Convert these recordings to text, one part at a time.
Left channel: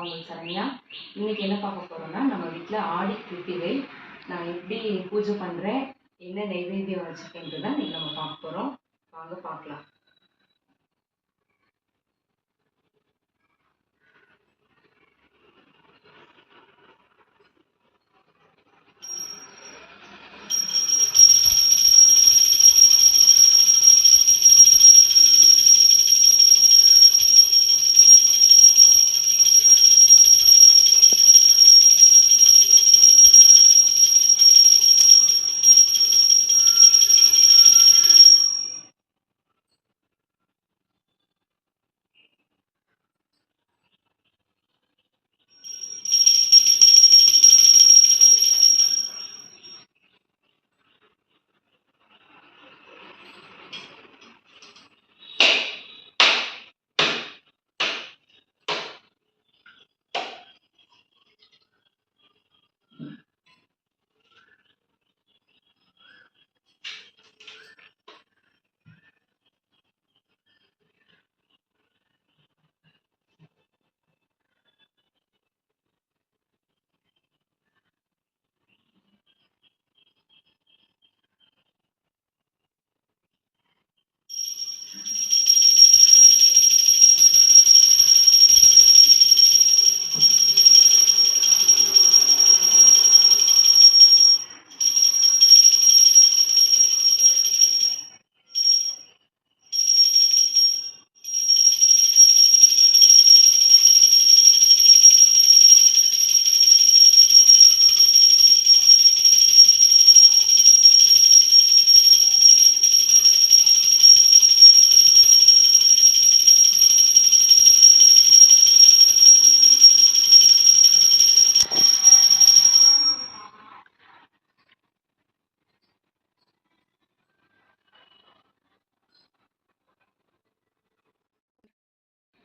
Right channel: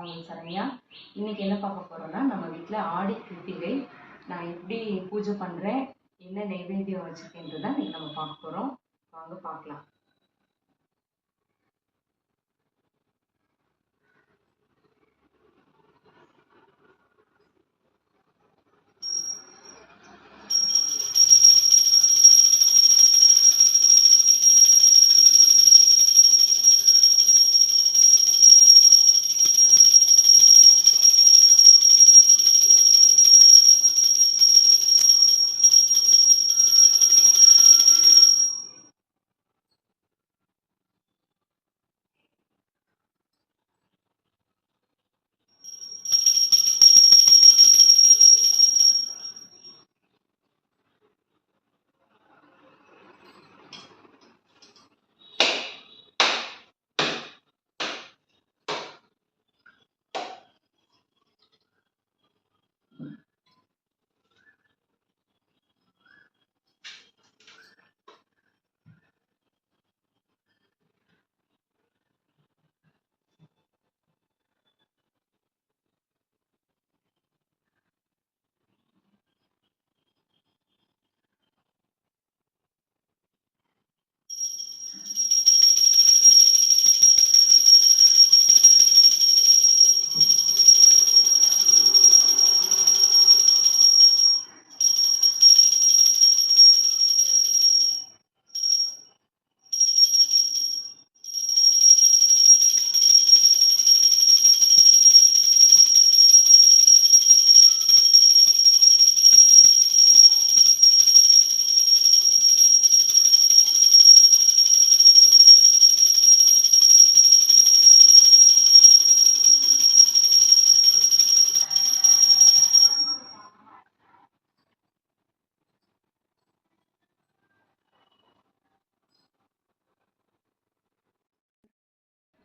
நான் உங்களுக்கு சரண்யா. இன்னைக்கு என்ன பார்க்க போறோம்னா, நம்ம வீட்டில் ஆடி கிருத்திகை நான் எப்படி பூஜை பண்ணுறேன், என்ன நைவேத்தியம் வச்சுருக்கேன்றது தான் இன்னைக்கு நம்ம பார்க்க போகிறோம். வாங்க பார்க்கலாம்.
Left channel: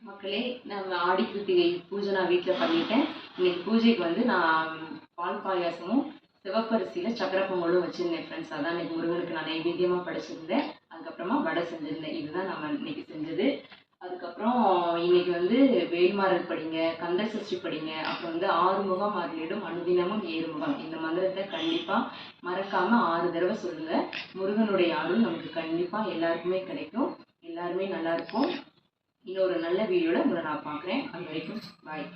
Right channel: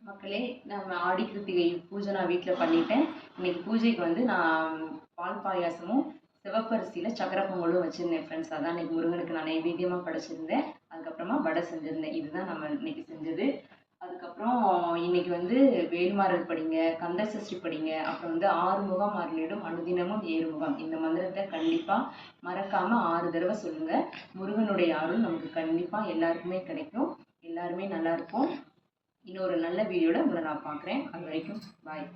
மக்களே, நம்ம ஆடி கிருத்திகை பூஜை நான் வீட்டில் பண்ணிட்டேன். இன்னைக்கு பூஜைக்கு வந்து நான் பால் பாயாசமும் சிவப்பரிசியில் சக்கரை பொங்கலும் வச்சுருந்தேன் ஃப்ரெண்ட்ஸ். அதான் இன்னைக்கு முருகனுக்கு நான் நைவேத்தியமாக படைச்சிருந்தேன். அதுக்கப்புறமா வடை செஞ்சுருந்தேன். இதுதான் நம்ம இன்னைக்கு செஞ்சது. அதுக்கப்புறம் இன்னைக்கு வந்து வேல்மாறல் படிங்க, கந்த சஷ்டி படிங்க, அப்புறம் வந்து ஆறுமுகம் அருளிடும் அனுதினமும் ஏறுமுகம், இந்த மந்திரத்தை கண்டிப்பாக மறக்காமல் 6 தடவை சொல்லுங்கள். முருகனுடைய அருள் நமக்கு கண்டிப்பாக எல்லாருக்குமே கிடைக்கும். எல்லாருமே நல்லா இருப்போம். இன்னொரு நல்ல வீடியோவில் உங்களை நான் பார்க்குறேன். அது வரைக்கும் பாய்.